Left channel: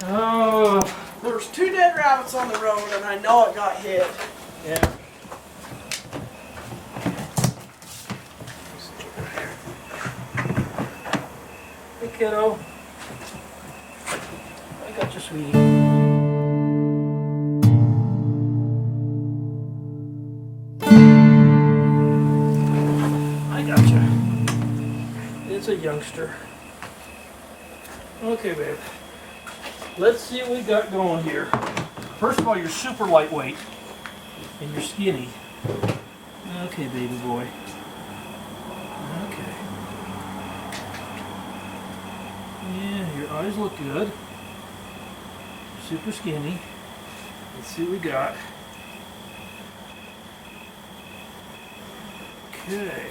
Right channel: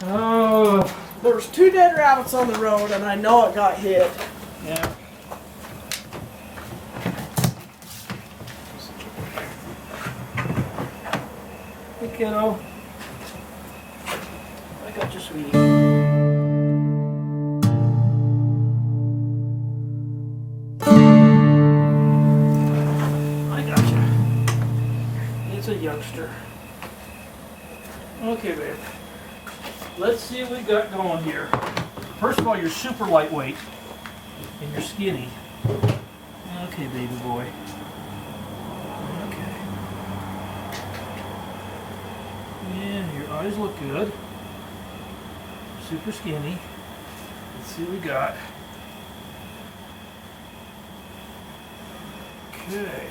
Oh, There's 2 dead rabbits on the road, and I know it got hit. yeah. Hey, kiddo. I got you, sweetie. I got you. It's a youngster. Okay, babe. Let's see what we got going here. First of all, you're super lightweight and you're skinny. Okay, baby boy. Okay. Yeah, your eyes look good. Super skinny. Let's see what we got. Okay.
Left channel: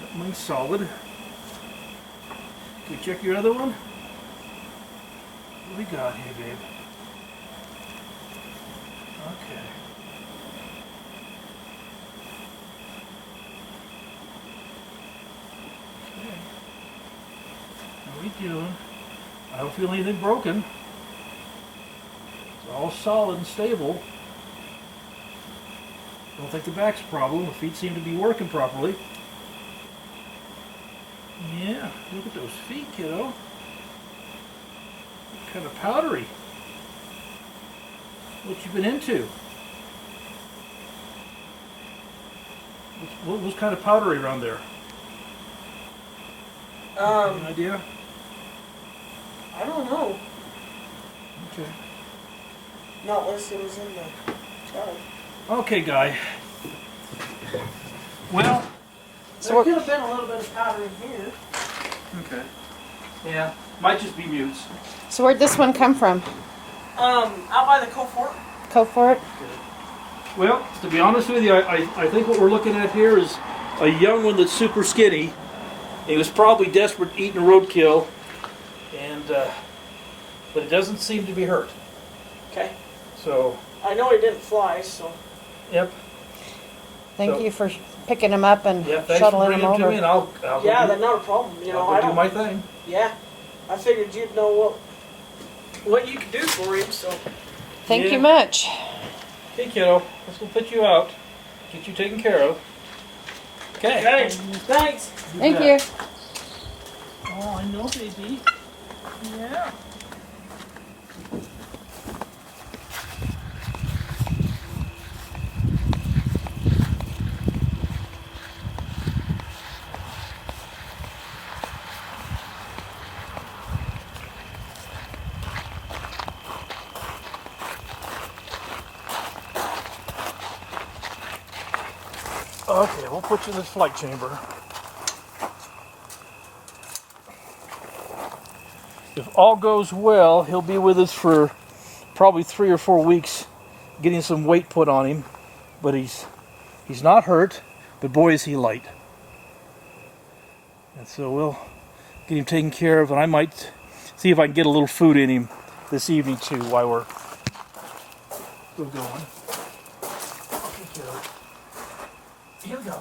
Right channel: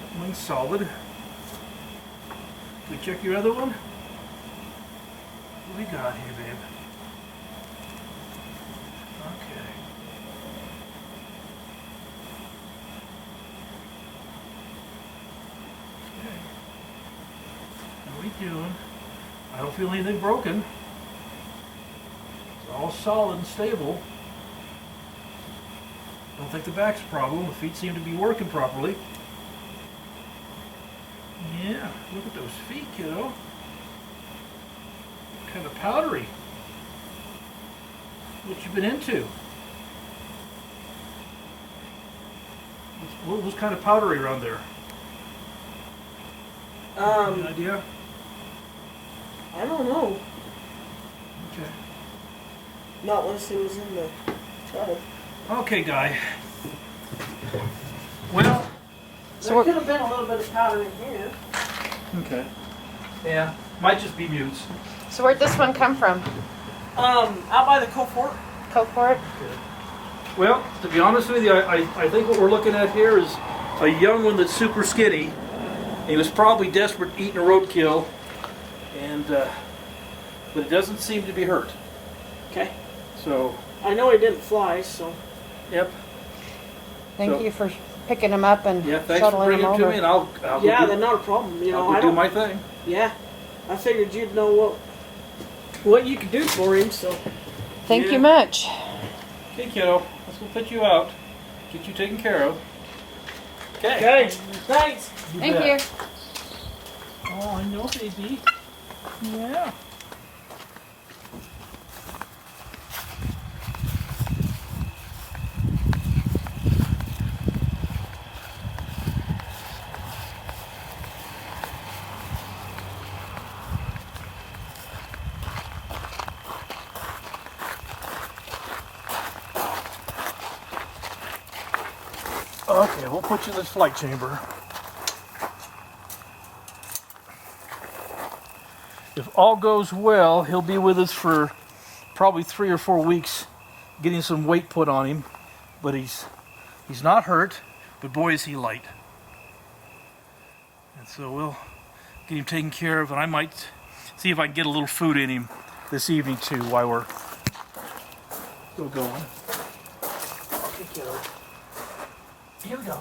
That one's solid. Can we check your other one? What do we got here, babe? Okay. How are we doing? I don't feel anything broken. It's all solid and stable. Don't think the back's a problem. The feet seem to be working properly. Yeah, look at those feet, kiddo. Kind of powdery. What you been into? What was kind of powdery around there? Any idea? I don't know. Okay. Not unless it was in the tub. Okay, guy. Well, There could have been a little bit of powder in here. okay. Yeah, might just be mutes. So where'd this one come from? Out by the Cofort. Cofort? Well, to be honest with you, I think what we're looking at here is a young one that's super skinny. He was probably desperate eating a roadkill, and but it doesn't seem to be hurt. Okay. So, I know he didn't fly, so. yep. Thank you for picking them up and Yeah, thanks for shuttling bringing them it to over. me, and I'll Yeah, go that's not a problem. You know, I'll I go do don't. my thing. Yeah, I figured you'd know what you could do for him. So. Thank Yeah. you much. Okay, kiddo, let's go put you out, get you taken care of. Okay. Okay. Thanks. Thank bet. you. Oh, I know, baby. Yeah. Okay, we'll put you in this flight chamber. If all goes well, he'll be with us for probably 3 or 4 weeks, getting some weight put on him. But he's not hurt, but boy is he light. And so we'll get him taken care of, and I might see if I can get a little food in him this evening too while we're still going. Here we go.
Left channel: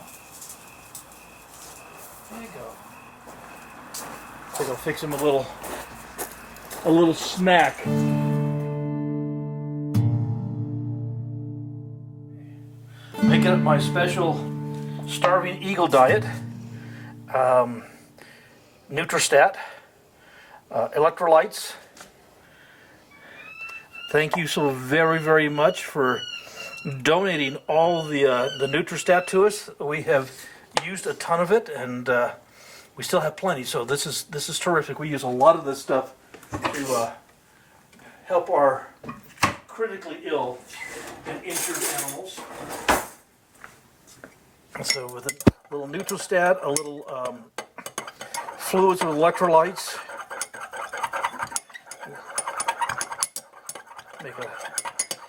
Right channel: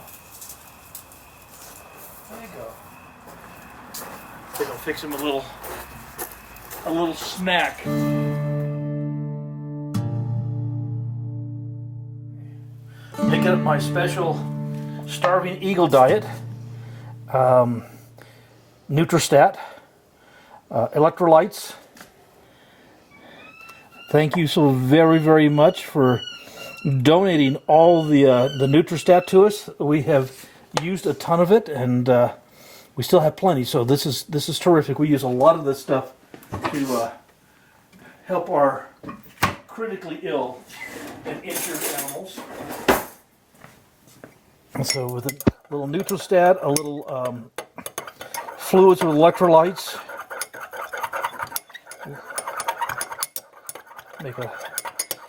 There you go. I think I'll fix him a little snack. Making up my special starving eagle diet. Nutristat, electrolytes. Thank you so very, very much for donating all the Nutristat to us. We have used a ton of it, and we still have plenty. So this is terrific. We use a lot of this stuff to help our critically ill and injured animals. And so with a little Nutristat, a little fluids with electrolytes, make a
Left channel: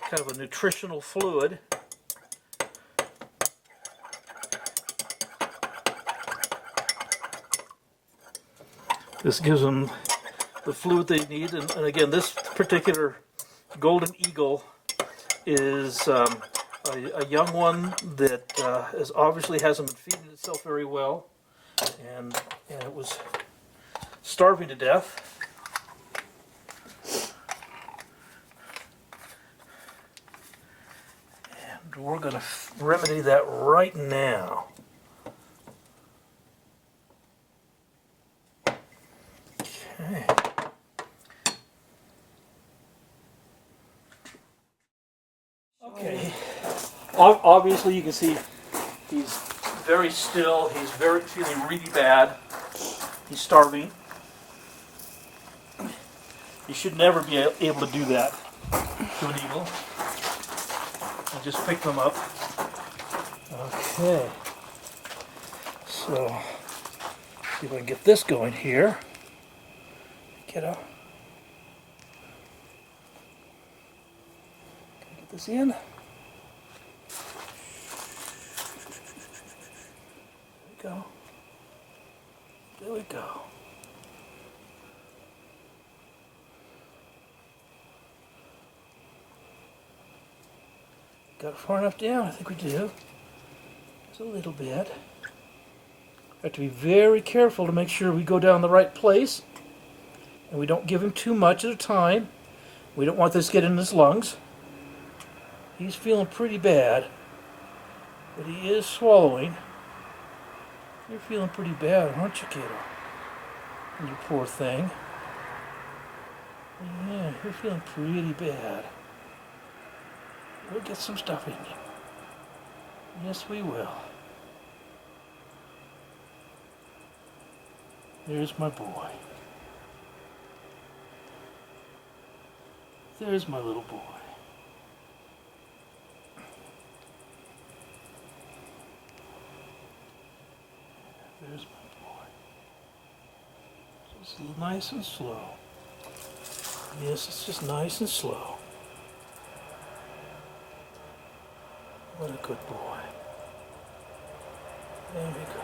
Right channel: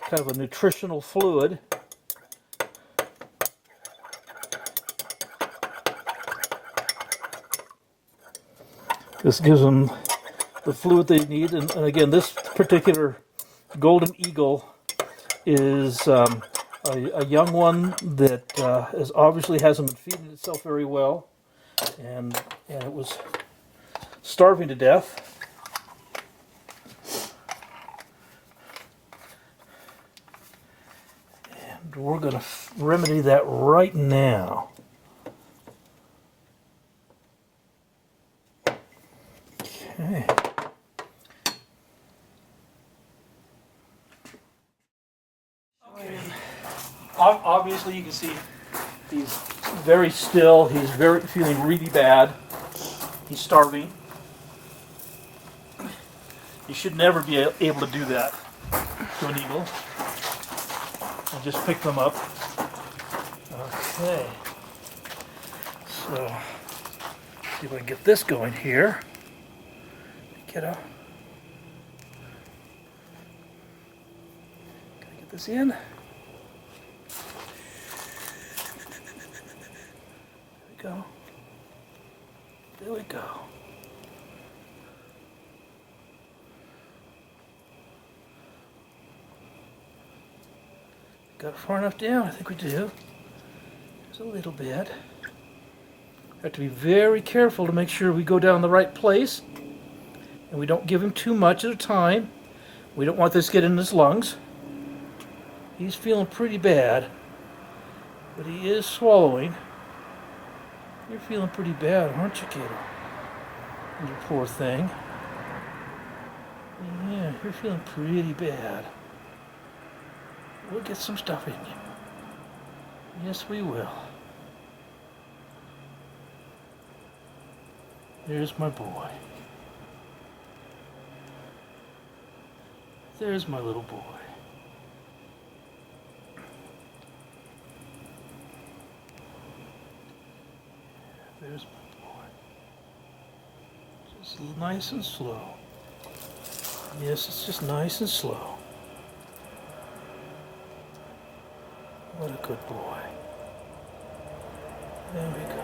kind of a nutritional fluid. This gives them the fluid they need, and again, this particular golden eagle is a young one that is obviously hasn't been feeding itself very well, and it was starving to death. And we're going to remedy that right now. Okay. Okay. Obviously, you can see he's very still. He's feeling really bad. He's starving. You should never be able to do that to an eagle. I just pick them up. Okay. So, see if I can get this going here. Get up. Can I get this in? There we go. There we go. Got it far enough down? I think we do. Just a little bit. Have to be very careful to make sure we go down the right place. And we don't give him too much at a time. We don't want this to get in his lungs. He's feeling pretty bad. But he is swallowing. You're feeling pretty bad, aren't you, kiddo? You poor thing. Yeah, you're feeling pretty bad. We'll get some stuff in you. Yes, we will. There's my boy. There's my little boy. There's my boy. Just nice and slow. Yes, it's just nice and slow. What a good boy. There we go.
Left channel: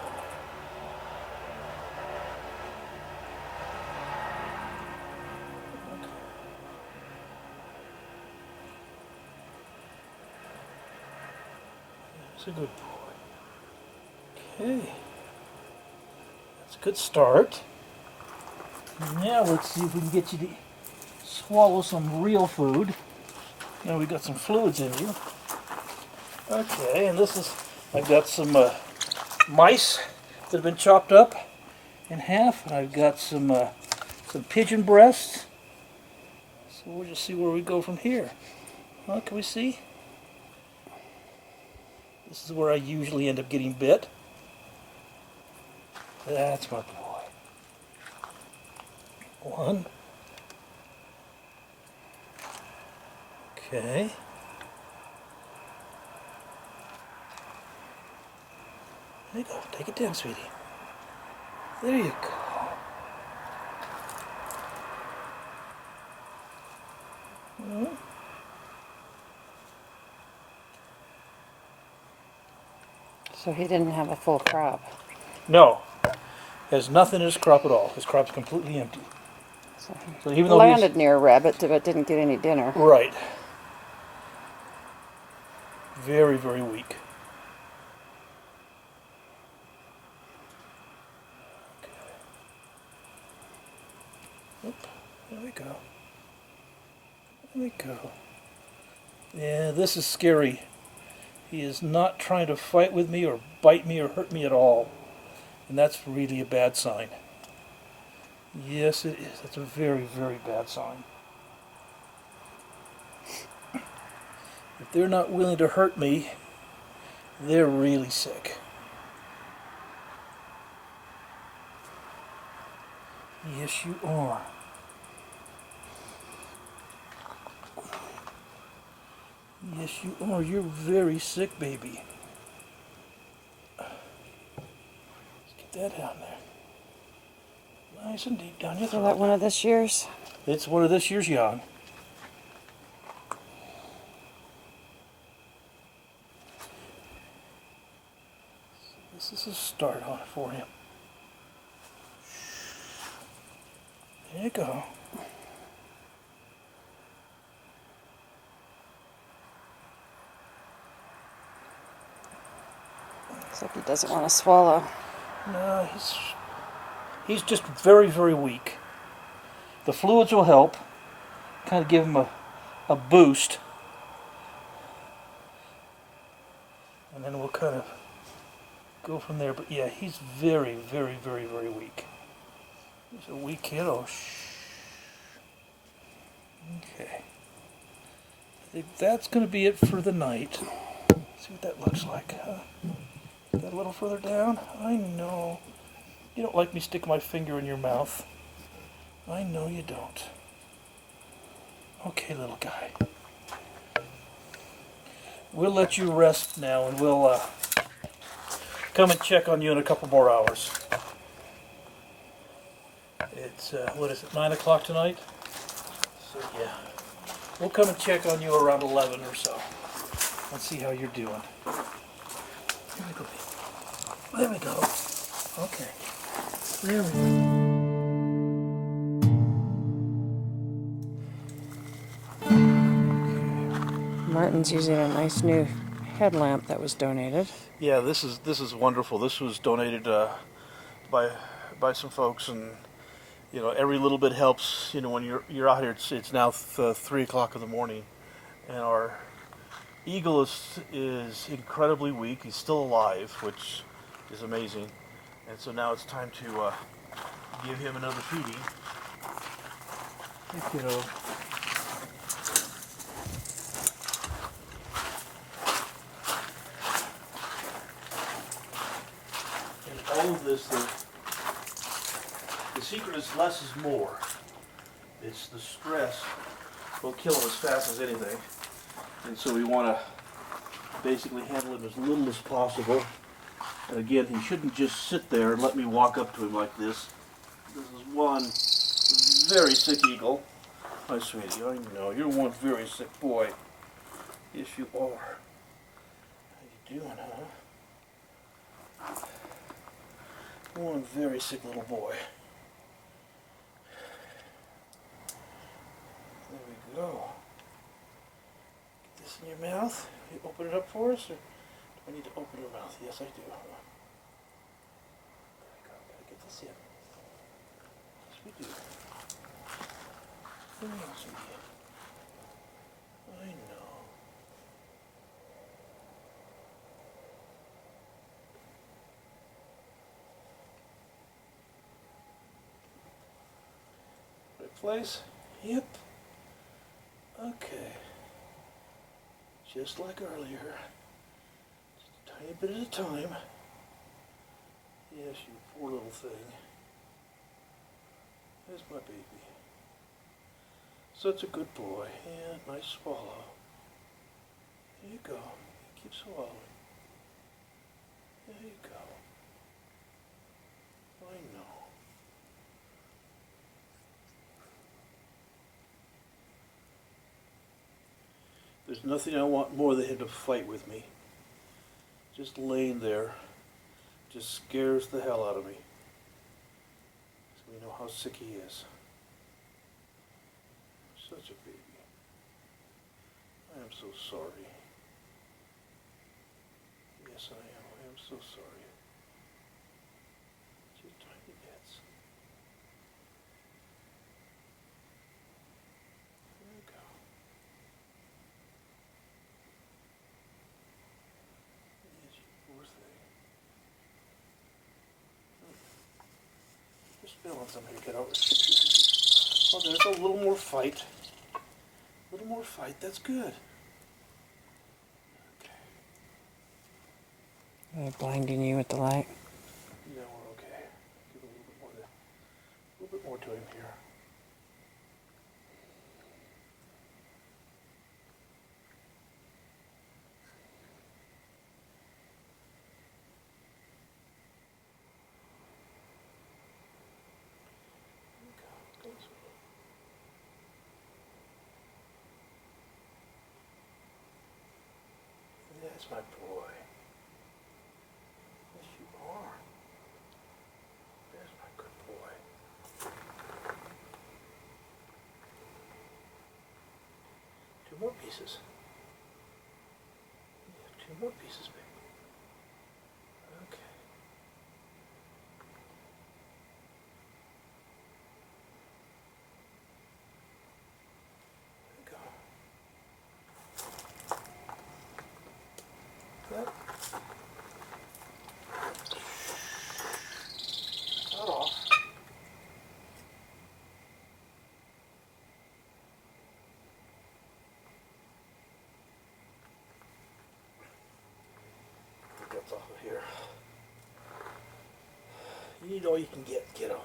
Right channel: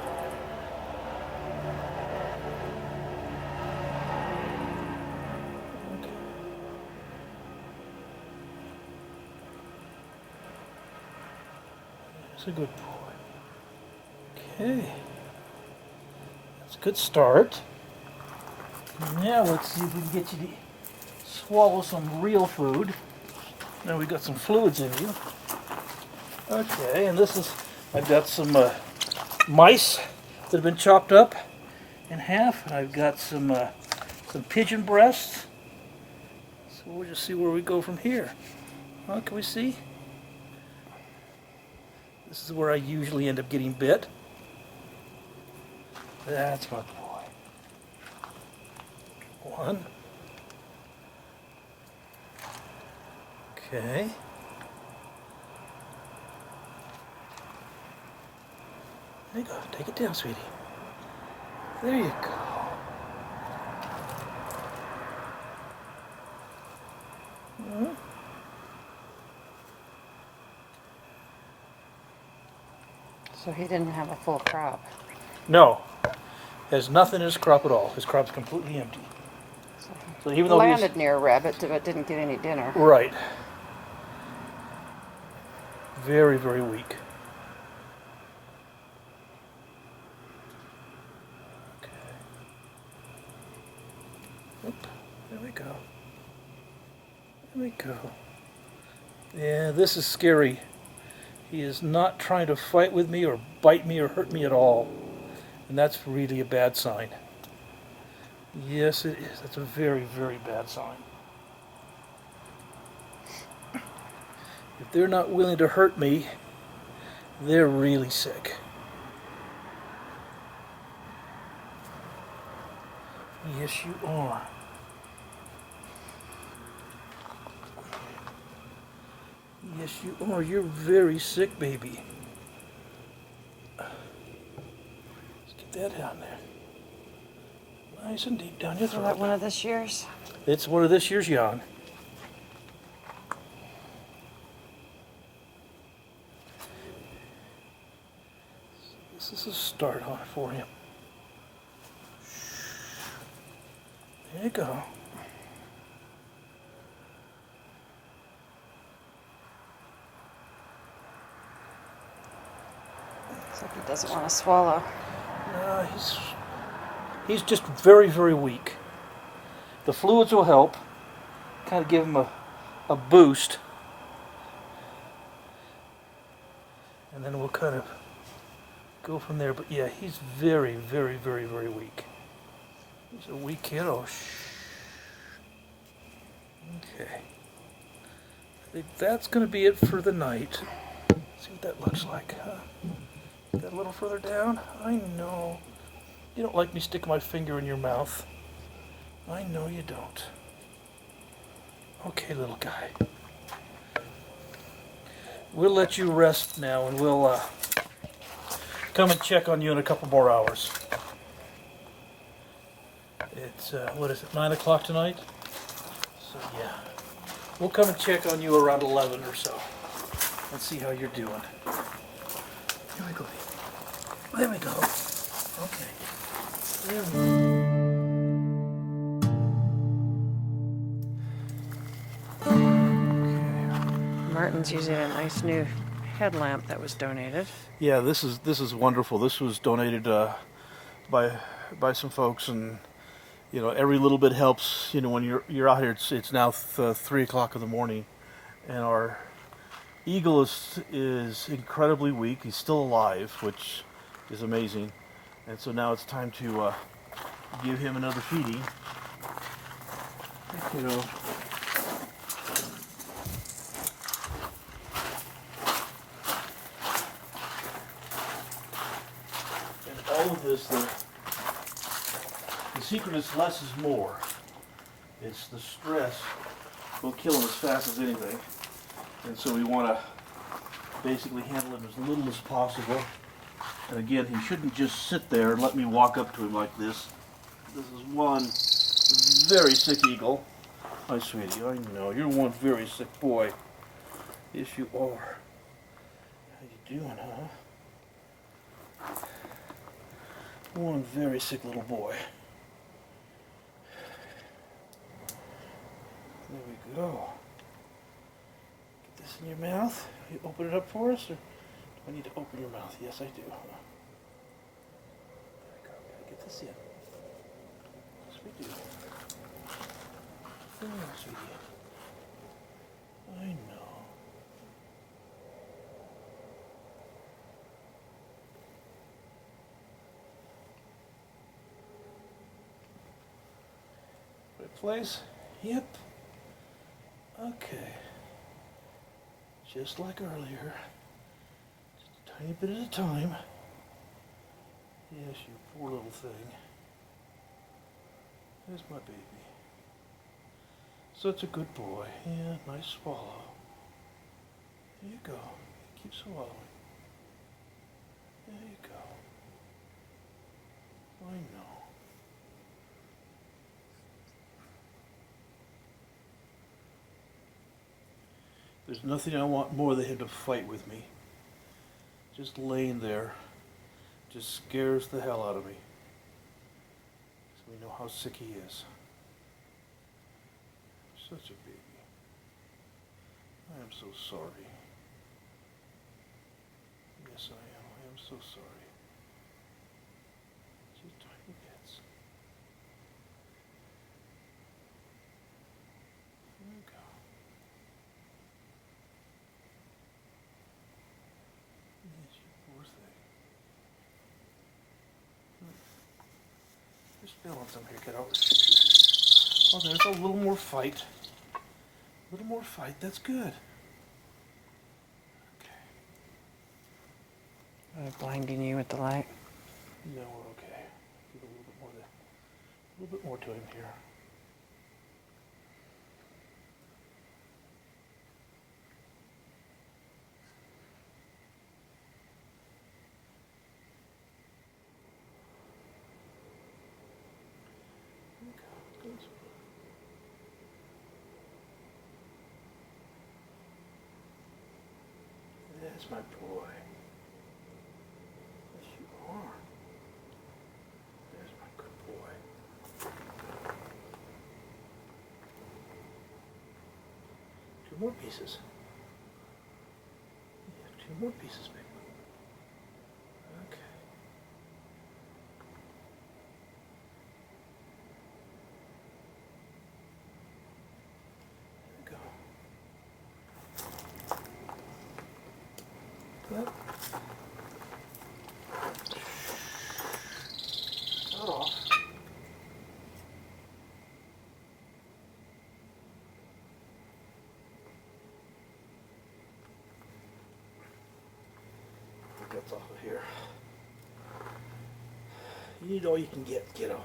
Okay. That's a good boy. Okay. That's a good start. Now let's see if we can get you to swallow some real food. Now we got some fluids in you. Okay, and this is, I've got some mice that have been chopped up in half, and I've got some pigeon breasts. So we'll just see where we go from here. Huh, can we see? This is where I usually end up getting bit. That's my boy. One. Okay. There you go. Take it down, sweetie. There you go. Mm-hmm. So he didn't have a full crop. No. Has nothing in his crop at all. His crop's completely empty. So even though Landed near a rabbit, but didn't get any dinner. Right. Very, very weak. Oop, there we go. There we go. Yeah, this is scary. He is not trying to fight with me or bite me or hurt me at all. And that's really a bad sign. Yes, it is. That's a very, very bad sign. If they're not willing to hurt me, they're really sick. Yes, you are. Yes, you are. You're very sick, baby. Let's get that down there. Nice and deep down your Is throat. that one of this year's? It's one of this year's young. This is a start on it for him. There you go. Looks like he doesn't want to swallow. No, he's just very, very weak. The fluids will help, kind of give him a boost. And then we'll kind of go from there. But yeah, he's very, very, very, very weak. He's a weak kiddo. Okay. I think that's going to be it for the night. See what that looks like, huh? Got a little further down? I know. You don't like me sticking my finger in your mouth. I know you don't. Okay, little guy. We'll let you rest now, and we'll come and check on you in a couple more hours. It's, what is it, 9 o'clock tonight? So, yeah. We'll come and check on you around 11 or so. And see how you're doing. Here we go. There we go. Okay. There we go. Martin's using a nice new headlamp that was donated. Yeah, this is wonderful. This was donated by some folks, and you know, every little bit helps. You know, when you're out here, it's now 3 o'clock in the morning, and our eagle is incredibly weak. He's still alive, which is amazing. And so now it's time to give him another feeding. You know. And all of this, the secret is less is more. It's the stress will kill him as fast as anything. And so we want to basically handle him as little as possible. And again, he shouldn't just sit there and let me walk up to him like this. This is one very sick eagle. Hi, sweetie, I know, you're one very sick boy. Yes, you are. How you doing, huh? One very sick little boy. There we go. Get this in your mouth. You open it up for us, or do I need to open your mouth? Yes, I do. There we go. Gotta get this in. Yes, we do. There we are, sweetie. I know. Right place? Yep. Okay. Just like earlier. Just a tiny bit at a time. Yes, you poor little thing. There's my baby. Such a good boy. Yeah, nice swallow. There you go. Keep swallowing. There you go. I know. There's nothing I want more than him to fight with me. Just laying there just scares the hell out of me. Because we know how sick he is. Such a baby. I am so sorry. Yes, I am. I am so sorry. Just tiny bits. There we go. Yes, you poor thing. Just feeling some here, kiddo. Oh, there's a little more fight. A little more fight, that's good. Okay. Blinding you with the light. No, we're okay. Give a little bit more to him here. There you go. Go this way. That's my boy. Yes, you are. There's my good boy. 2 more pieces. Yeah, 2 more pieces, baby. Okay. Not off. That's off of here. You need all you can get, kiddo.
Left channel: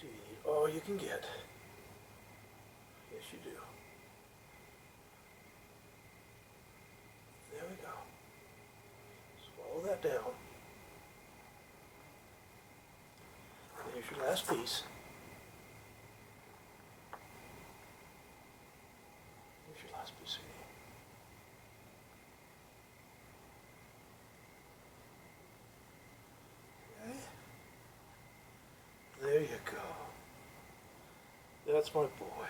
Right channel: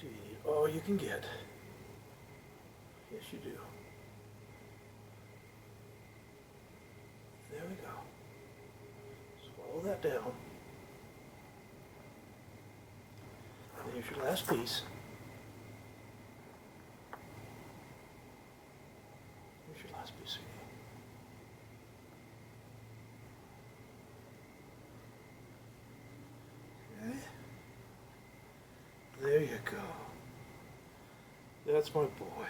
You need all you can get. Yes, you do. There we go. Swallow that down. There's your last piece. Here's your last piece, sweetie. Okay. There you go. That's my boy.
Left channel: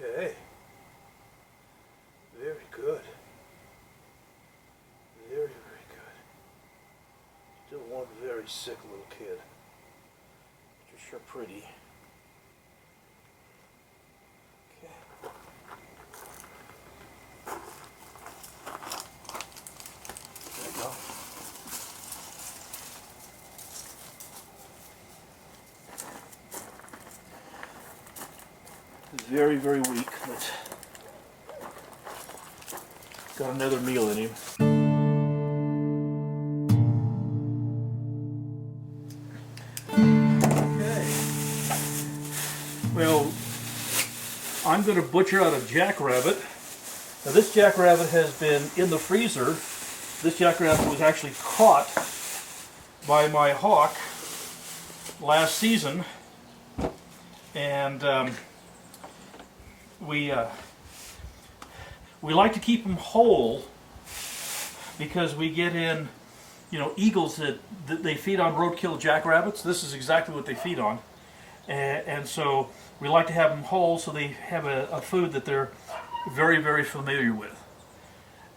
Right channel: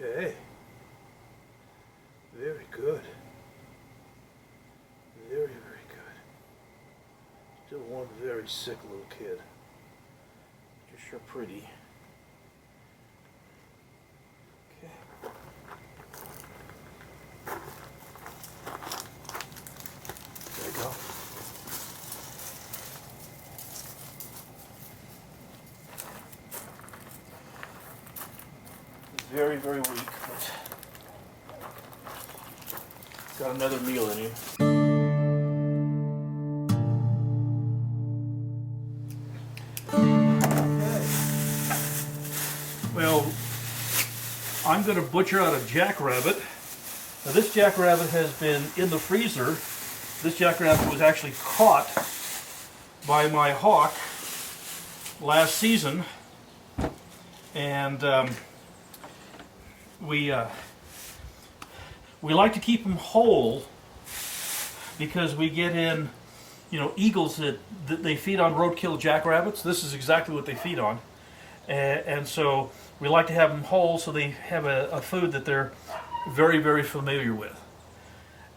Okay. Very good. Very, very good. Still one very sick little kid. You're sure pretty. Okay. There you go. Very, very weak, but got another meal in him. Okay. Well, I'm going to butcher out a jackrabbit. Now this jackrabbit has been in the freezer. This jackrabbit was actually caught by my hawk last season, and we like to keep them whole because we get in, eagles that they feed on roadkill jackrabbits. This is exactly what they feed on, and so we like to have them whole so they have a food that they're very, very familiar with.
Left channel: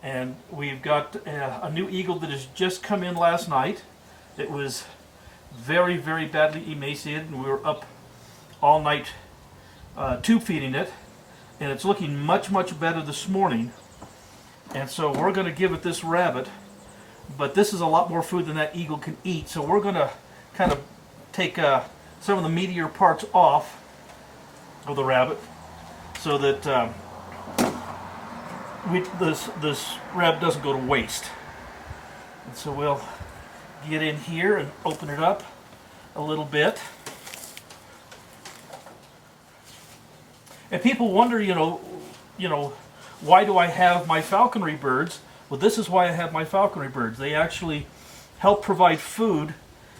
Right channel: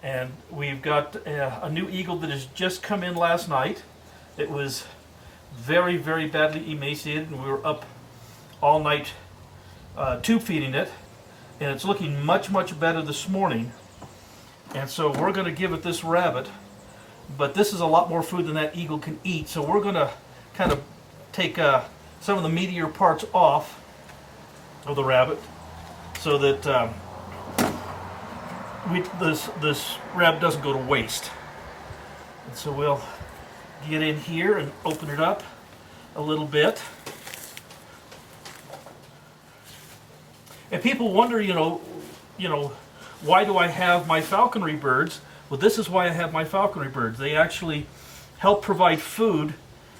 And we've got a new eagle that has just come in last night. It was very, very badly emaciated, and we were up all night tube feeding it. And it's looking much, much better this morning. And so we're going to give it this rabbit. But this is a lot more food than that eagle can eat. So we're going to kind of take some of the meatier parts off of the rabbit so that this rabbit doesn't go to waste. And so we'll get in here and open it up a little bit. And people wonder, why do I have my falconry birds? Well, this is why I have my falconry birds. They actually help provide food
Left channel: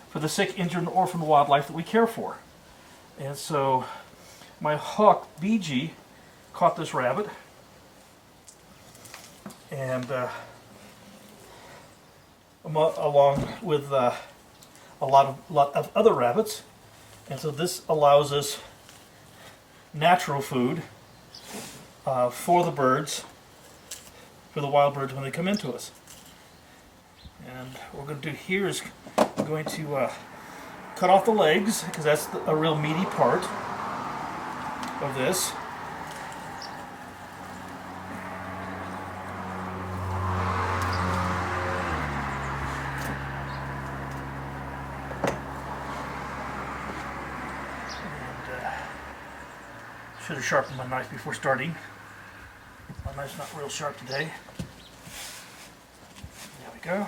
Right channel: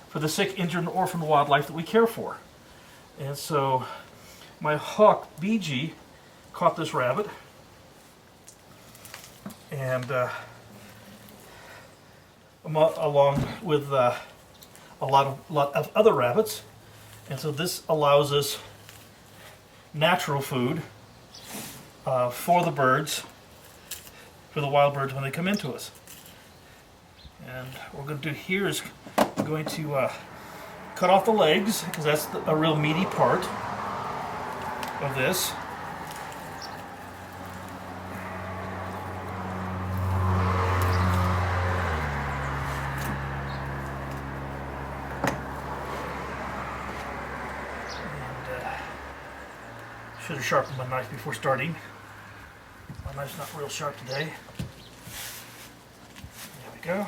for the sick, injured, and orphaned wildlife that we care for. And so my hawk, BG, caught this rabbit. And along with a lot of other rabbits. And so this allows us natural food for the birds, for the wild birds when they come into us. And what we're going to do here is we're going to cut off the legs, because that's a real meaty part of this. Should have sharpened my knife before starting. My knife's not real sharp today. There we go.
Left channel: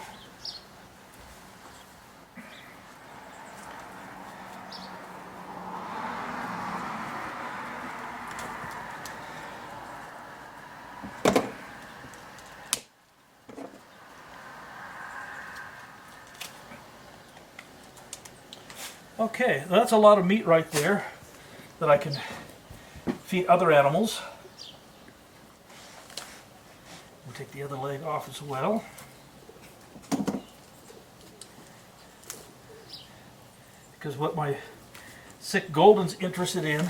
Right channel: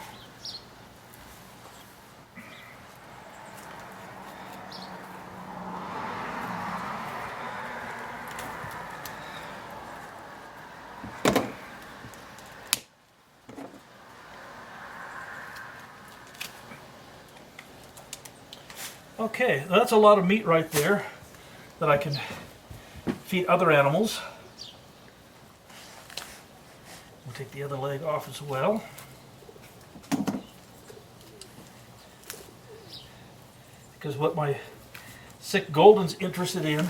Okay, that's a lot of meat right there that I can feed other animals. We'll take the other leg off as well. Because what my sick golden's interested in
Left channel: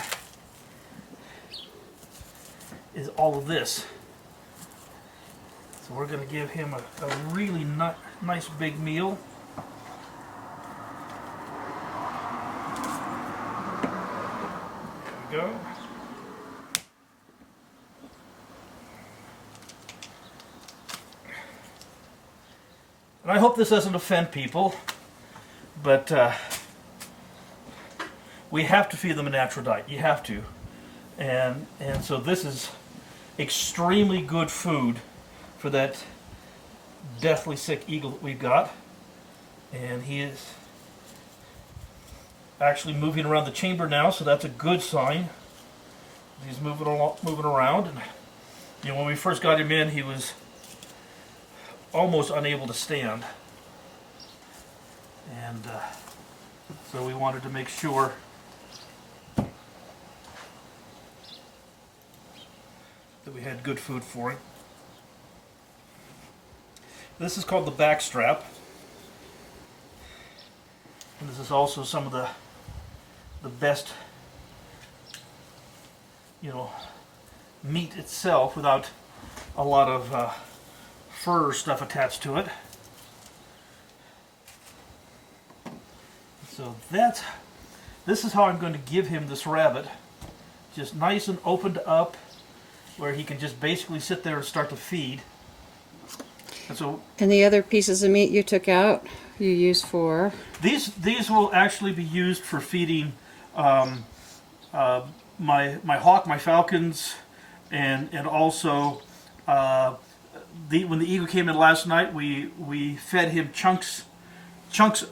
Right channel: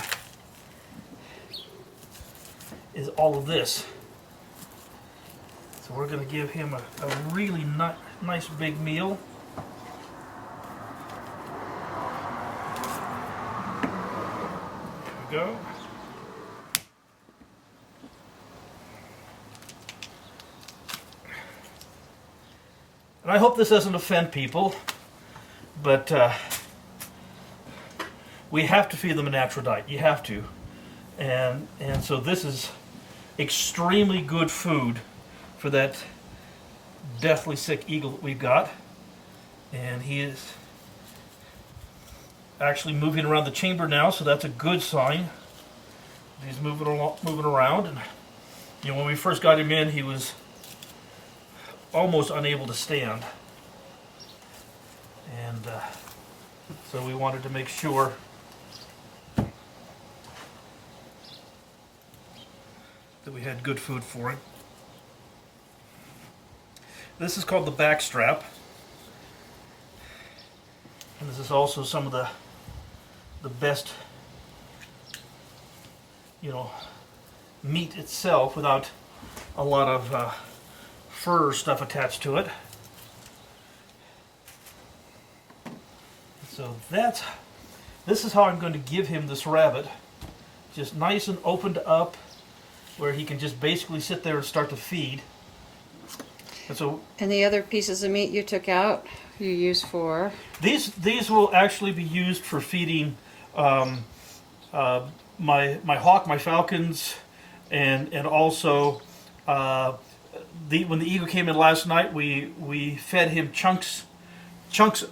is all of this. So we're going to give him a really nice big meal. There we go. And I hope this doesn't offend people, but we have to feed them a natural diet. You have to. And so this is extremely good food for that deathly sick eagle that we've got. And he is actually moving around the chamber now, so that's a good sign. He's moving around. And you know, when we first got him in, he was almost unable to stand. And so we wanted to make sure that we had good food for him. This is called the back strap. And this is also some of the best, you know, meat itself without a lot of fur stuff attached to it. So this is how I'm going to give him this rabbit. Just nice and opened up, where he can just basically sit there and start to feed. And the other pieces of meat you took out, you use for? These will actually be used for feeding my hawk, my falcons, and also when the eagle came in last night, we fed him chunks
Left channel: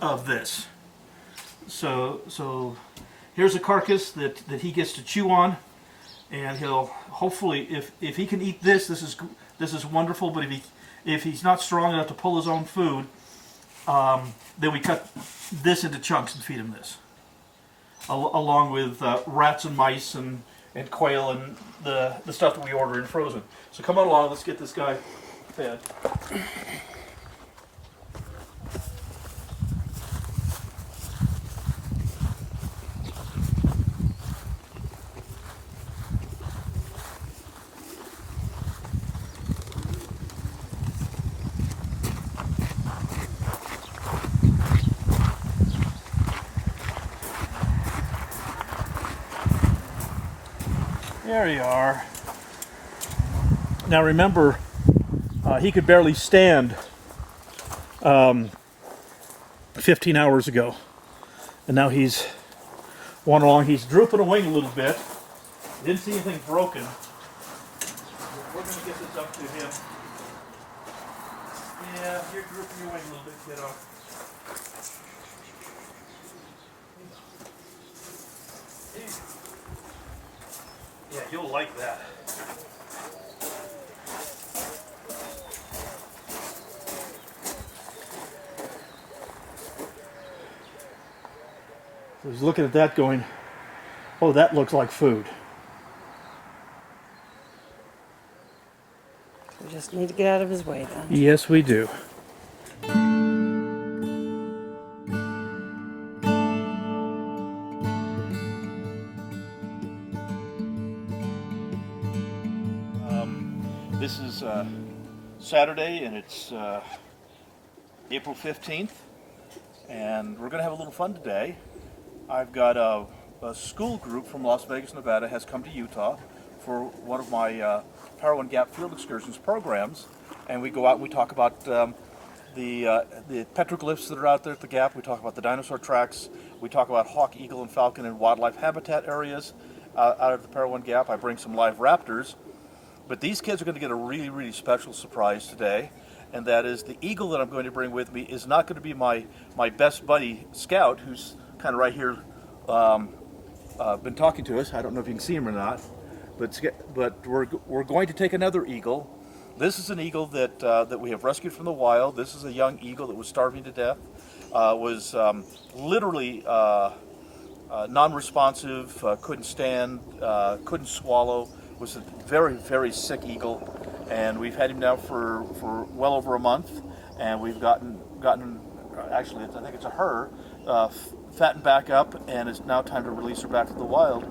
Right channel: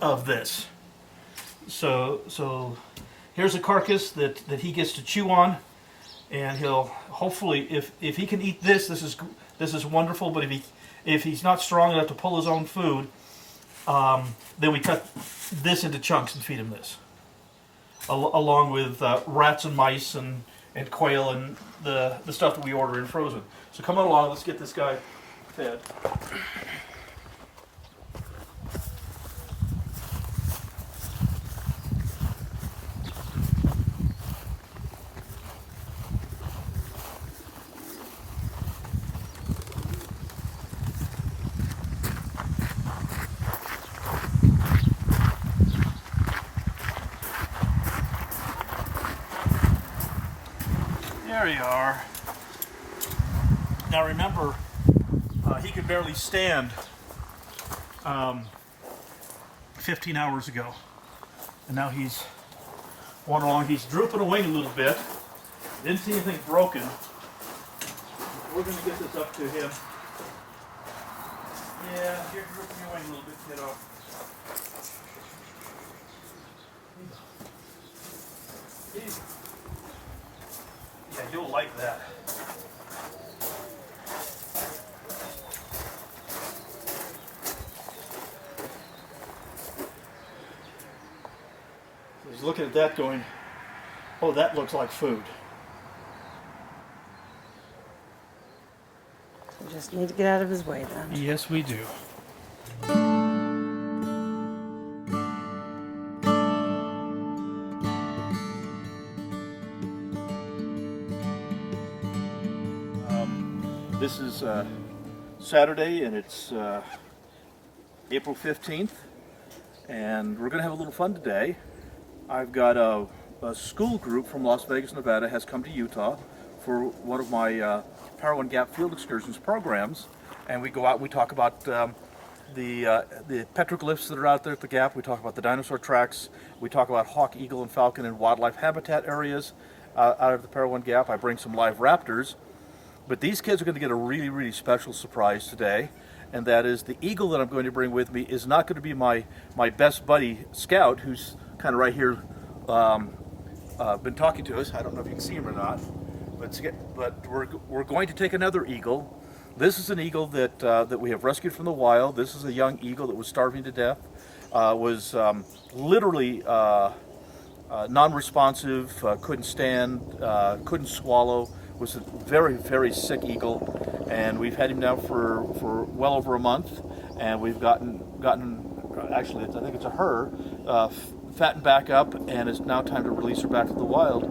of this. So here's a carcass that he gets to chew on, and he'll hopefully, if he can eat this is wonderful. But if he's not strong enough to pull his own food, then we cut this into chunks and feed him this, along with rats and mice and quail and the stuff that we order in frozen. So come on along, let's get this guy fed. There you are. Now remember, he could barely stand 15 hours ago. And now he's wandering along. He's drooping a wing a little bit. Didn't see anything broken. We're going to get this up to him. Yeah, you're drooping your wing a little bit, kiddo. Yeah, you'll like that. So he's looking at that going, oh, that looks like food. We just need to get out of his way then. Yes, we do. This is Saturday, and it's April 15th, and we're going to have a little fun today. I've got a school group from Las Vegas, Nevada, has come to Utah for one of my Power One Gap Field Excursions programs, and we go out and we talk about the petroglyphs that are out there at the Gap. We talk about the dinosaur tracks. We talk about hawk, eagle, and falcon and wildlife habitat areas out of the Power One Gap. I bring some live raptors. But these kids are going to get a really, really special surprise today, and that is the eagle that I'm going to bring with me is not going to be my best buddy Scout, who's kind of right here, been talking to us. I don't know if you can see him or not, but we're going to take another eagle. This is an eagle that we have rescued from the wild. This is a young eagle that was starving to death, was literally non-responsive, couldn't stand, couldn't swallow. Was a very, very sick eagle, and we've had him now for well over a month, and we've gotten actually I think it's a her, fattened back up, and it's now time to release her back to the wild.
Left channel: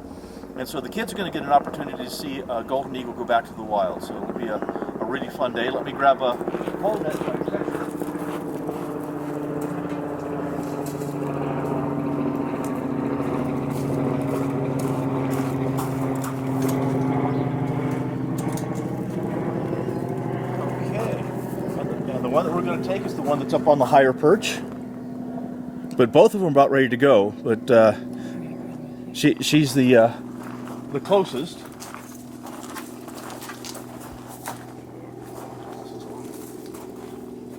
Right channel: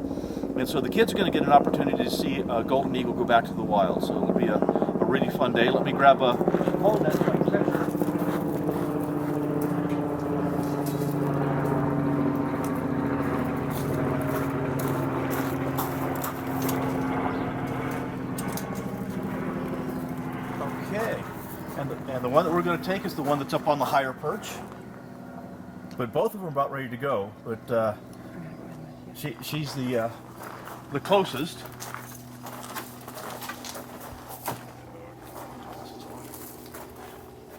And so the kids are going to get an opportunity to see a golden eagle go back to the wild. So it'll be a really fun day. Let me grab a hold that. And the one that we're going to take is the one that's up on the higher perch. But both of them are about ready to go. But she's the closest.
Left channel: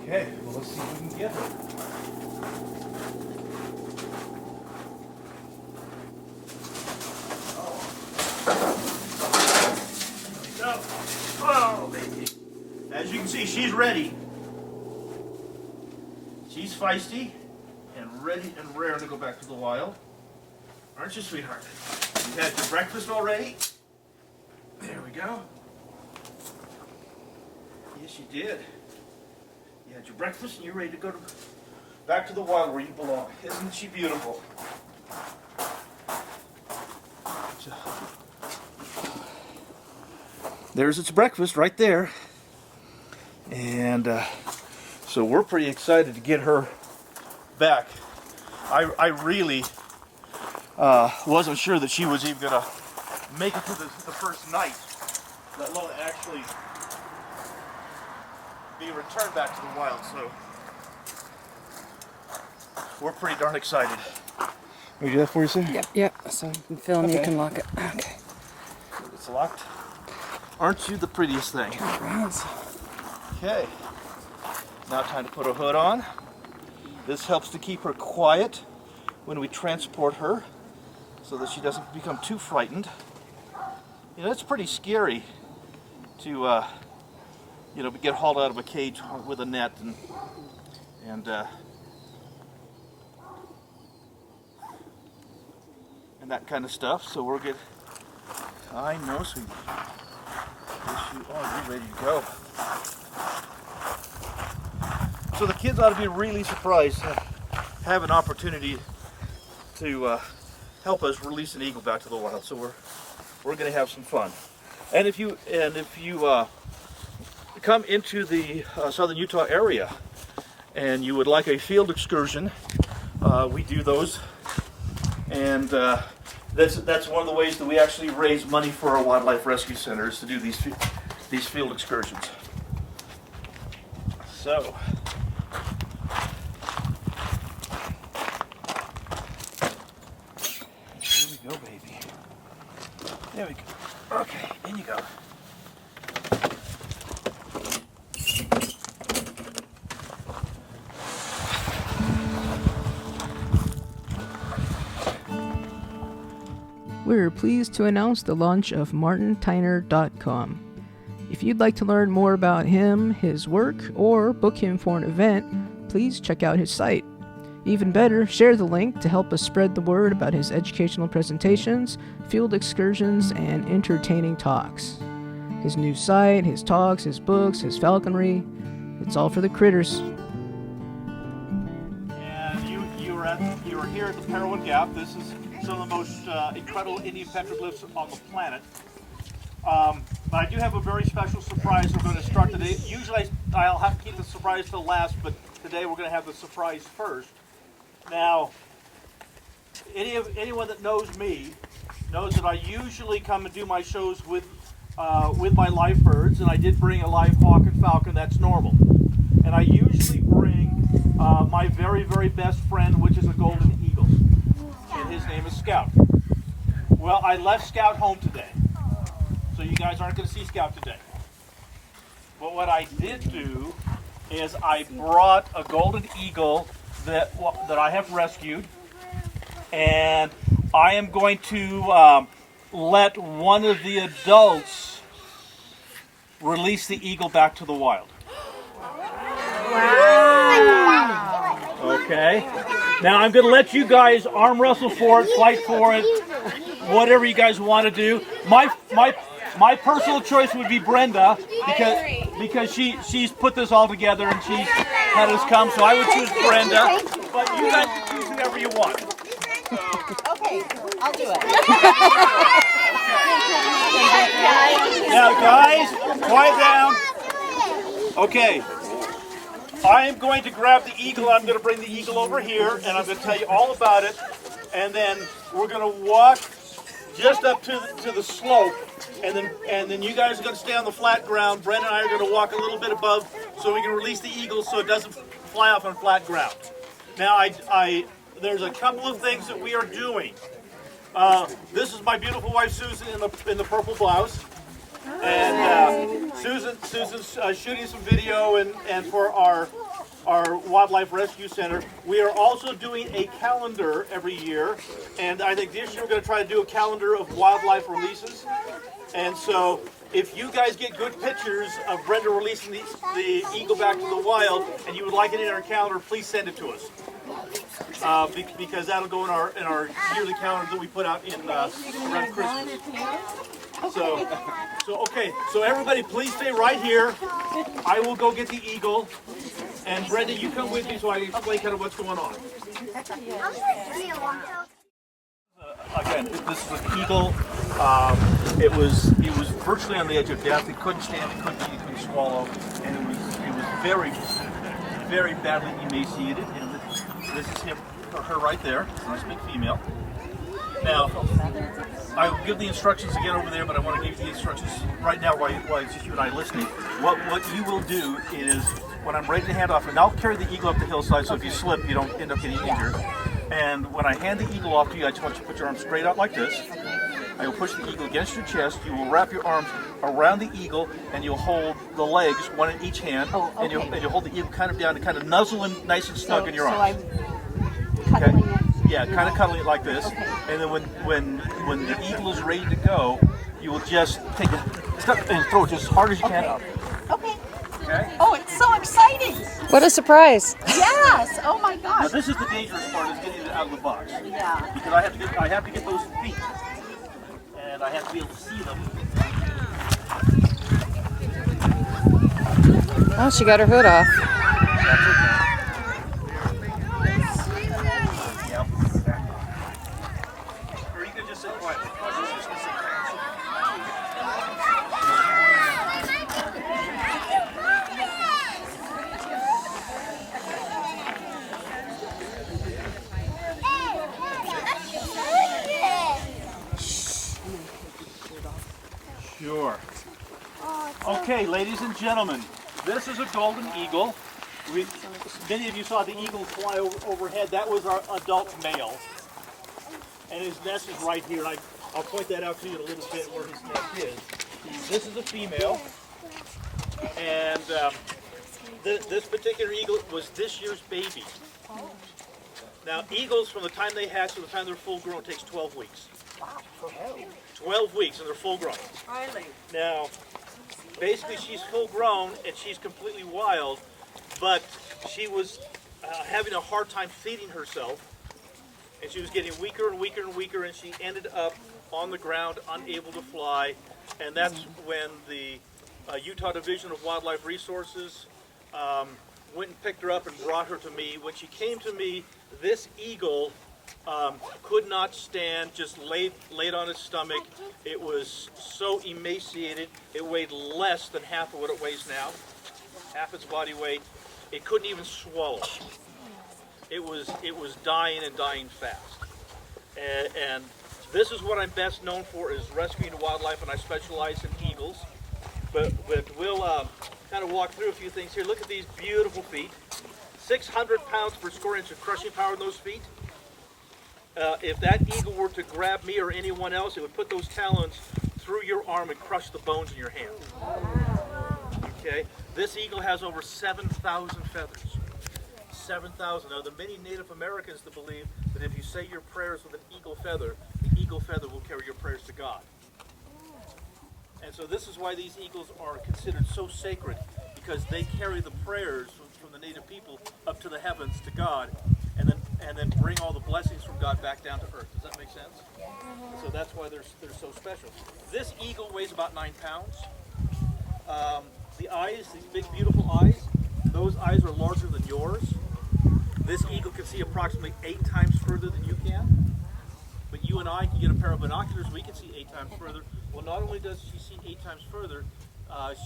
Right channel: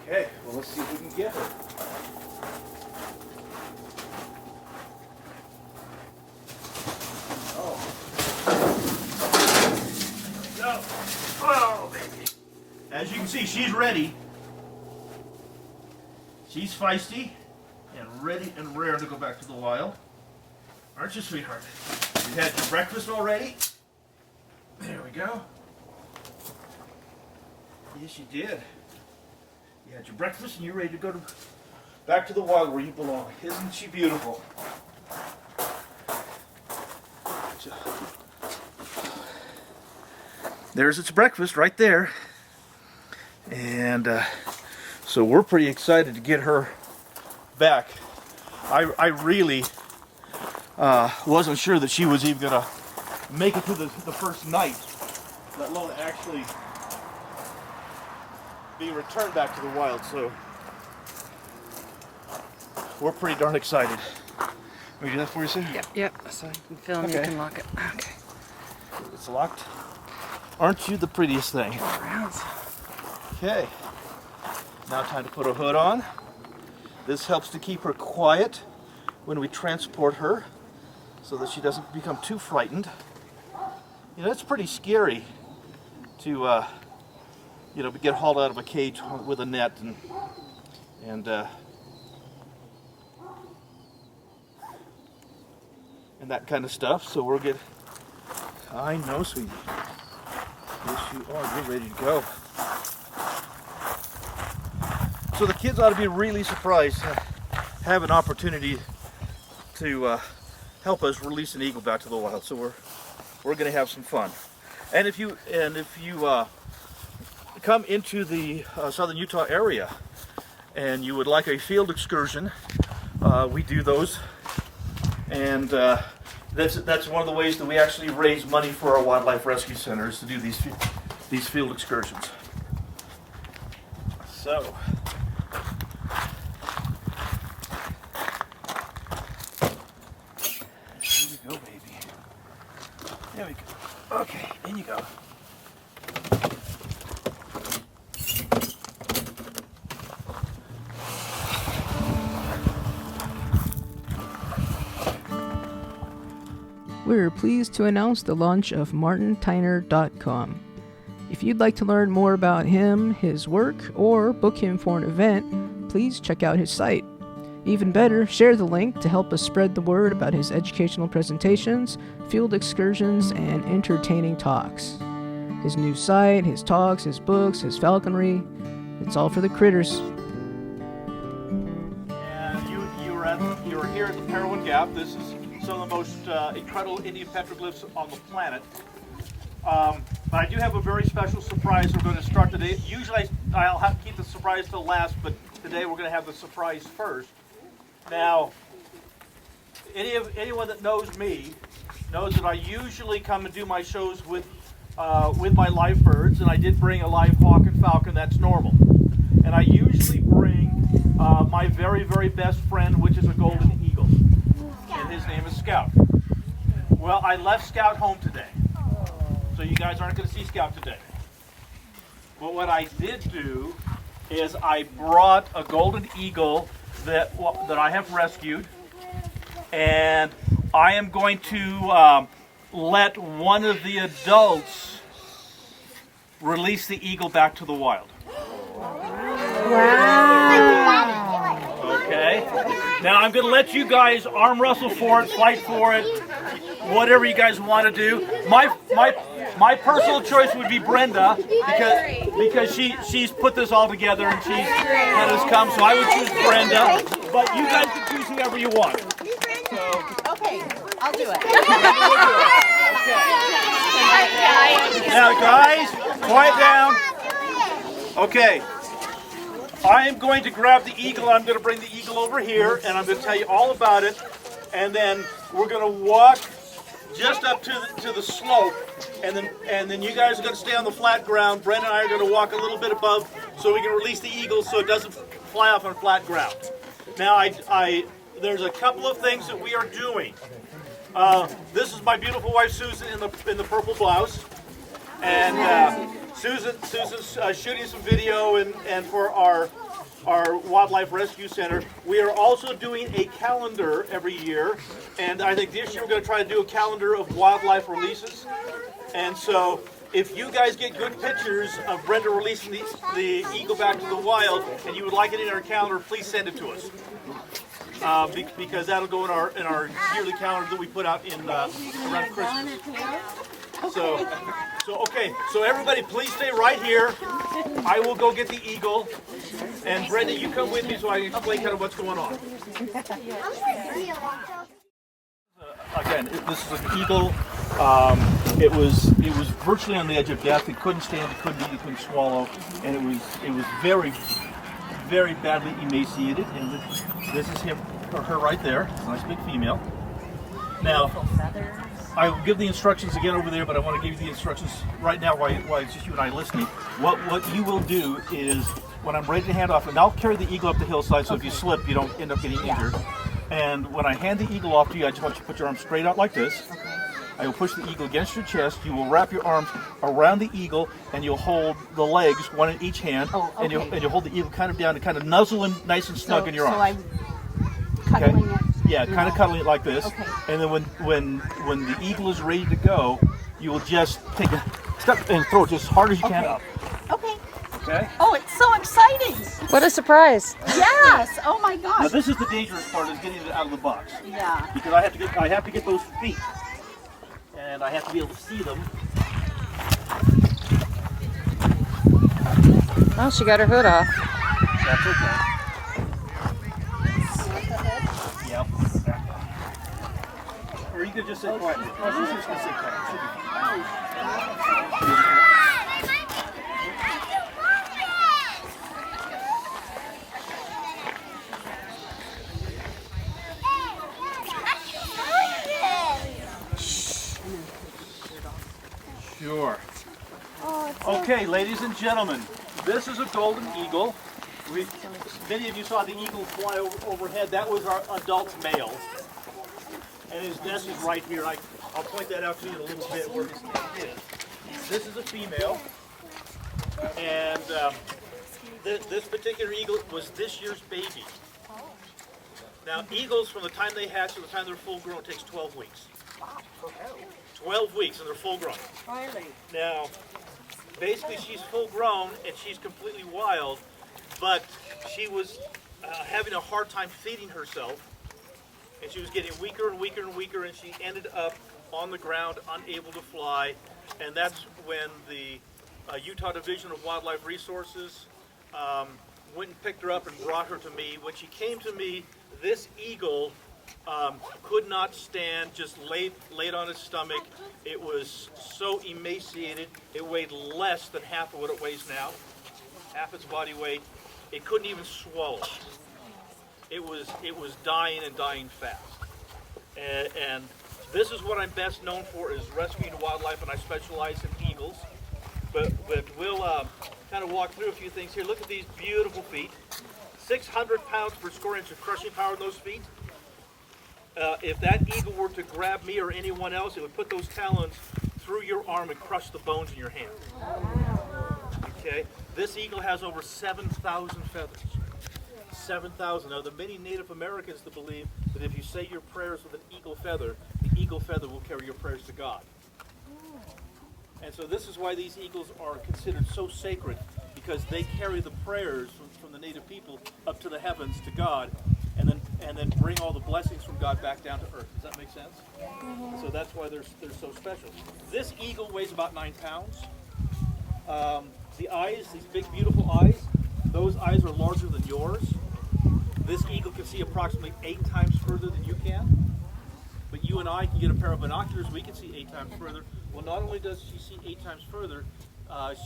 Okay, well, let's see if we can get her. Oh, baby. As you can see, she's ready. She's feisty and ready and rare to go back to the wild. Aren't you, sweetheart? You had your breakfast already? There we go. Yes, you did. You had your breakfast and you're ready to go back to the wild where you belong. Isn't she beautiful? There's its breakfast right there. And so we're pretty excited to get her back. I really wasn't sure that she was even going to make it to the first night, let alone actually be returned back to the wild. So we're pretty darn excited. Are you that for you, Sam? Yep. So you can film, you Okay. can lock it. Okay. It's locked. Aren't you the prettiest thing? Okay. Now time to put her hood on. This helps to keep her quiet when we transport her so that she doesn't become too frightened. You know, it's pretty scary to, get hauled out of a cage with a net and that kind of stuff. So we'll get, I know, sweetie. Yes, you are. You're ready to go. So the kids ought to be really surprised to have an opportunity to help us release an eagle back to the wild. So we're going to have some fun. And if you come into the southern Utah area and you would like a field excursion, we do those. And that's one of the ways that we actually raise money for our wildlife rescue centers, to do these field excursions. So here we go, baby. There we go. Okay, in you go. We're pleased to announce the launch of martintyner.com. If you'd like to learn more about him, his work, or book him for an event, please check out his site. Even better, share the link to help us spread the word about his educational presentations, field excursions, and entertaining talks. His new site, his talks, his books, his falconry, it's all for the critters. And you are here at the Payable Gap. This is some of the most incredible Indian petroglyphs on the planet. But I do have a very special surprise we're going to start today. Usually I'll have to keep the surprise till last, but today we're going to have the surprise first. Now, anyone that knows me knows that I usually come and do my shows with my live birds, and I did bring a live hawk and falcon. That's normal. And I usually bring my very, very best friend, which is a golden eagle, and his name is Scout. Well, I left Scout home today, so you guys aren't going to see Scout today. But what I did do is I brought a golden eagle that I have rescued, and I am going to let one of the adults release the eagle back to the wild. Okay. Now I'm going to let you guys arm wrestle for it, fight for it, whatever you guys want to do. My personal choice would be Brenda because she's put this all together and she's had us come. So I would choose Brenda, but you guys can choose whoever you want. Okay, I'll do it. Now, guys, quiet down. Okay. I am going to grab the eagle. I'm going to bring the eagle over here, and I'm going to tell you all about it. And then we're going to walk just up to the slope, and then you guys are going to stay on the flat ground. Brenda and I are going to walk a little bit above so we can release the eagle so it doesn't fly off on flat ground. Now, there's a couple of things that we are doing. This is my beautiful wife Susan in the purple blouse, and Susan's shooting some video and for our Wildlife Rescue Center. We are also doing a calendar every year, and I think this year we're going to try to do a calendar of wildlife releases. And so if you guys get good pictures of Brenda releasing the eagle back to the wild and you would like it in our calendar, please send it to us. Because that'll go in our yearly calendar that we put out in around Christmas. So okay. So everybody, please stay right here. I will go get the eagle, and Brenda, you come with me so I can explain kind of what's going on. Again, this is an eagle. It was virtually on the edge of death. It couldn't stand. It couldn't eat. It couldn't swallow, and it was very, very badly emaciated. And this is him or her right there. It's a nice big female. Now, I will give the instructions again over there, but I want to give you the instructions right now while it's just you and I listening. What you will do is, when I'm ready to hand off, and I'll carry the eagle up the hillside, so if you slip, you don't end up getting injured. And when I hand the eagle off to you, I just want you to put your arms straight out like this. I will push the eagle against your chest. You will wrap your arms around the eagle, and you'll hold the legs, one in each hand, and you'll hold the eagle kind of down to kind of nuzzle him nice and snug in your arms. Cuddling it. Yeah, kind of cuddling it like this. Okay. And then when the eagle is ready to go, you will just take a step and throw it just as hard as you can up. Okay. Okay? Oh, it's so exciting. What a surprise. Yes. Oh my Now gosh. this is the dangerous part, is getting it out of the box. Yeah. Because I have to get those feet. And I have to be able to see them. Oh, she got her hood off. That's okay. Yep. Or you could just sit quietly. Oh, she's just gonna sit quietly. Sure. Okay, ladies and gentlemen, this is a golden eagle. Many of you saw the eagle fly overhead. That was our adult male. And his nest is right here. I'll point that out to you in a little bit where his nest is. This is a female. And this particular eagle was this year's baby. Now, eagles, from the time they hatch to the time they're full grown, takes 12 weeks. 12 weeks and they're full grown. Now, basically she's full grown and she's completely wild, but she was having a hard time feeding herself, and she was getting weaker and weaker and weaker, and she ended up on the ground, unable to fly, and that's when the Utah Division of Wildlife Resources went and picked her up and brought her to me. When she came to me, this eagle could not stand, just laid on its stomach. It was so emaciated, it weighed less than half of what it weighs now, half its body weight. It couldn't even swallow. It was dying and dying fast. And this is what I'm best known for, is rescuing wildlife, and I specialize in eagles. But we'll kind of walk through a few things here. Look at these beautiful feet. 600 pounds per square inch of crushing power in those feet. If that eagle were to grab me or anyone else, it would put those talons through your arm and crush the bones in your hand. Okay? This eagle has over 7,000 feathers. 7,000. Now, there are many Native Americans that believe that if you say your prayers with an eagle feather, the eagle feather will carry your prayers to God. And so this is why these eagles are considered so sacred, because they carry the prayers from the Native people up to the heavens to God, and then bring all the blessings from God back down to earth. Does that make sense? So that's why they're so special. This eagle weighs about 9 pounds. The eyes, these big beautiful eyes, those eyes are larger than yours. This eagle can see approximately 8 times further than you can. But you and I can get a pair of binoculars, we can see 8 times further. Well, not only does she see 8 times further,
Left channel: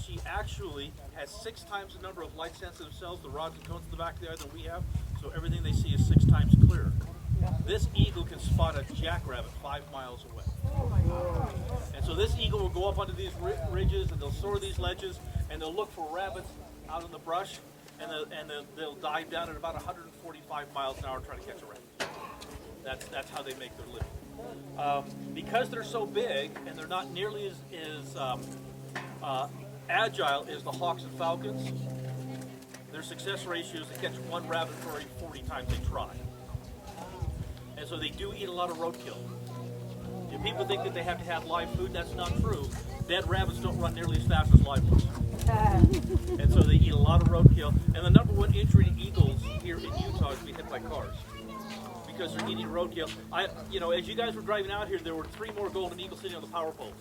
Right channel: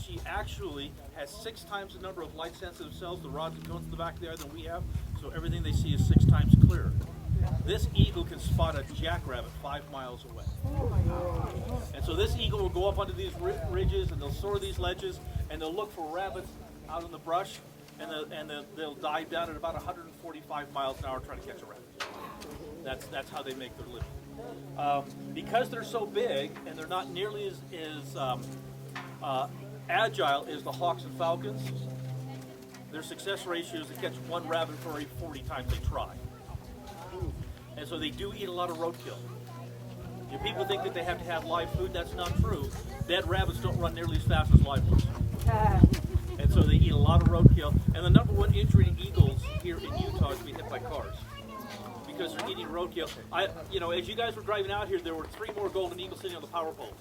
she actually has 6 times the number of light-sensitive cells, the rods and cones in the back of the eye, than we have. So everything they see is 6 times clearer. this eagle can spot a jackrabbit 5 miles away. And so this eagle will go up onto these ridges, and they'll soar these ledges, and they'll look for rabbits out in the brush, and they'll dive down at about 145 miles an hour trying to catch a rabbit. That's how they make their living. Because they're so big, and they're not nearly as agile as the hawks and falcons, their success ratio is to catch one rabbit for every 40 times they try. And so they do eat a lot of roadkill. If people think that they have to have live food, that's not true. Dead rabbits don't run nearly as fast as live ones. And so they eat a lot of roadkill. And the number one injury to eagles here in Utah is to be hit by cars, because they're eating roadkill. As you guys were driving out here, there were 3 more golden eagles sitting on the power poles.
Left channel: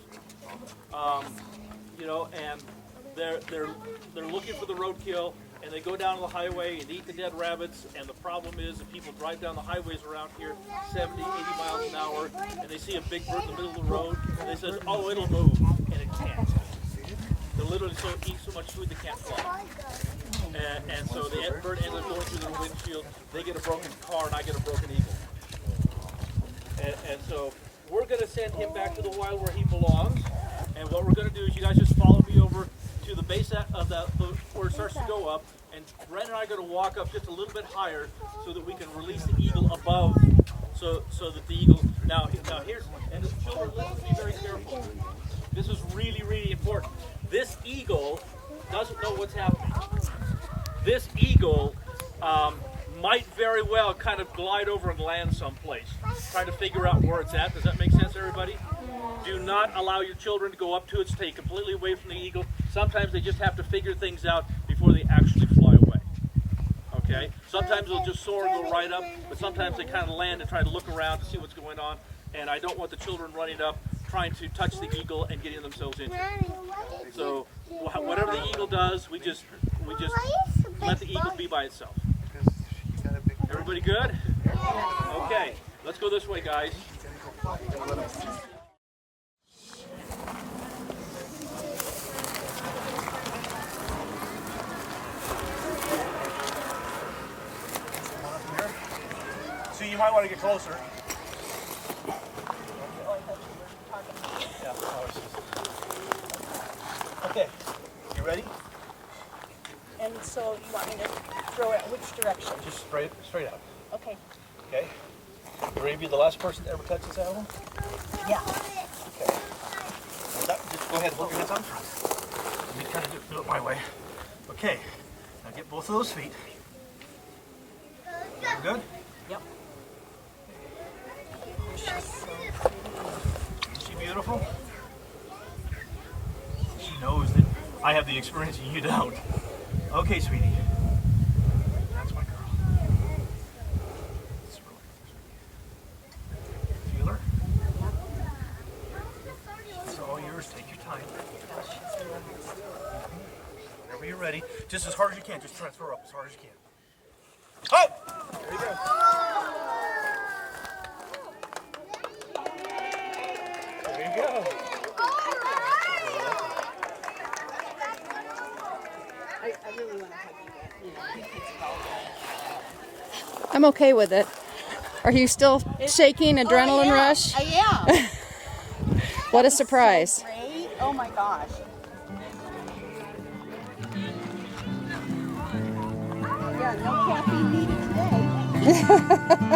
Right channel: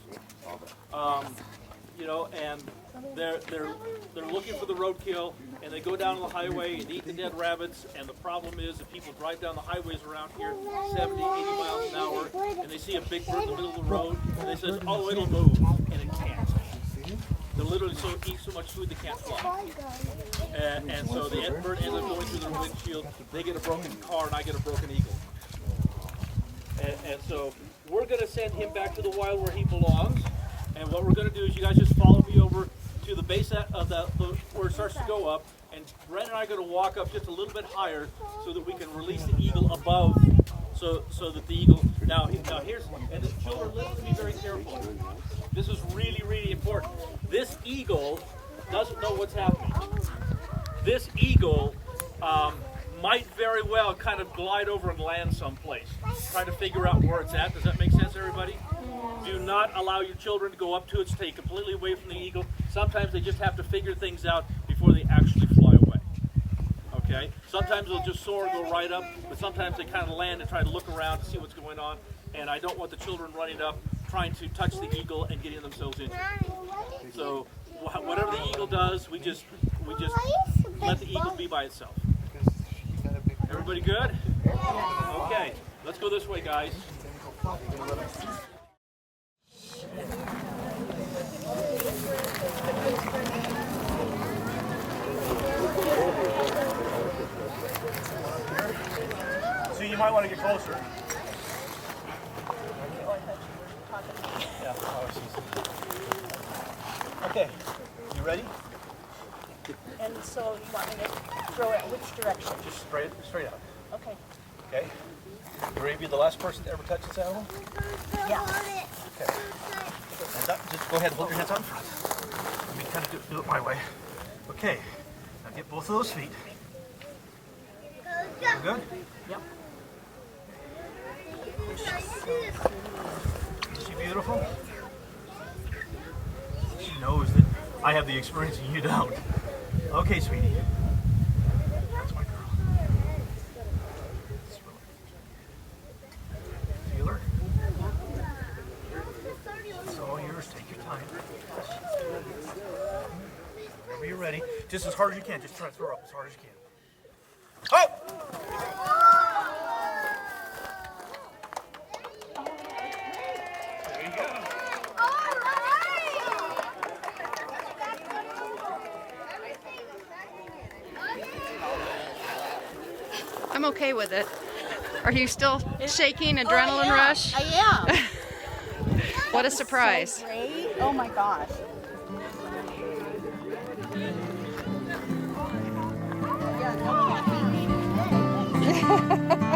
And they're looking for the roadkill, and they go down to the highway and eat the dead rabbits. And the problem is that people drive down the highways around here 70, 80 miles an hour, and they see a big bird in the middle of the road, and they say, oh, it'll move, and it can't. They literally eat so much food they can't fly. And so the bird ends up going through their windshield. They get a broken car, and I get a broken eagle. And so we're going to send him back to the wild where he belongs. And what we're going to do is you guys just follow me over to the base of where it starts to go up. And Brent and I are going to walk up just a little bit higher so that we can release the eagle above, so that the eagle, now here's, and the children, listen to me very carefully. This is really, really important. This eagle doesn't know what's happening. This eagle might very well kind of glide over and land someplace, trying to figure out where it's at. Does that make sense, everybody? Do not allow your children to go up to it. Stay completely away from the eagle. Sometimes they just have to figure things out before they actually fly away. Okay? Sometimes they'll just soar and go right up, but sometimes they kind of land and try to look around to see what's going on. And I don't want the children running up, trying to touch the eagle and getting themselves injured. So whatever the eagle does, we just let the eagle be by itself. Everybody good? Okay, let's go this way, guys. So you might want to get closer. Okay, you ready? And so you want me to throw it which direction? Just straight out. Okay. Okay. You ready to be the last person to ever touch this animal? Yeah. Okay. And just go ahead and hold your hands out in front. Let me kind of do it my way. Okay. Now get both of those feet. You good? Yep. Is she beautiful? She knows that I have the experience and you don't. Okay, sweetie. That's my girl. Feel her? It's all yours. Take your time. Whenever you're ready. Just as hard as you can. Just try to throw her up as hard as you can. Oh! There you go. There you go. I'm okay with it. Are you still shaking, adrenaline rush? I am. What a surprise. So great. Oh my gosh. Yeah, no caffeine needed today.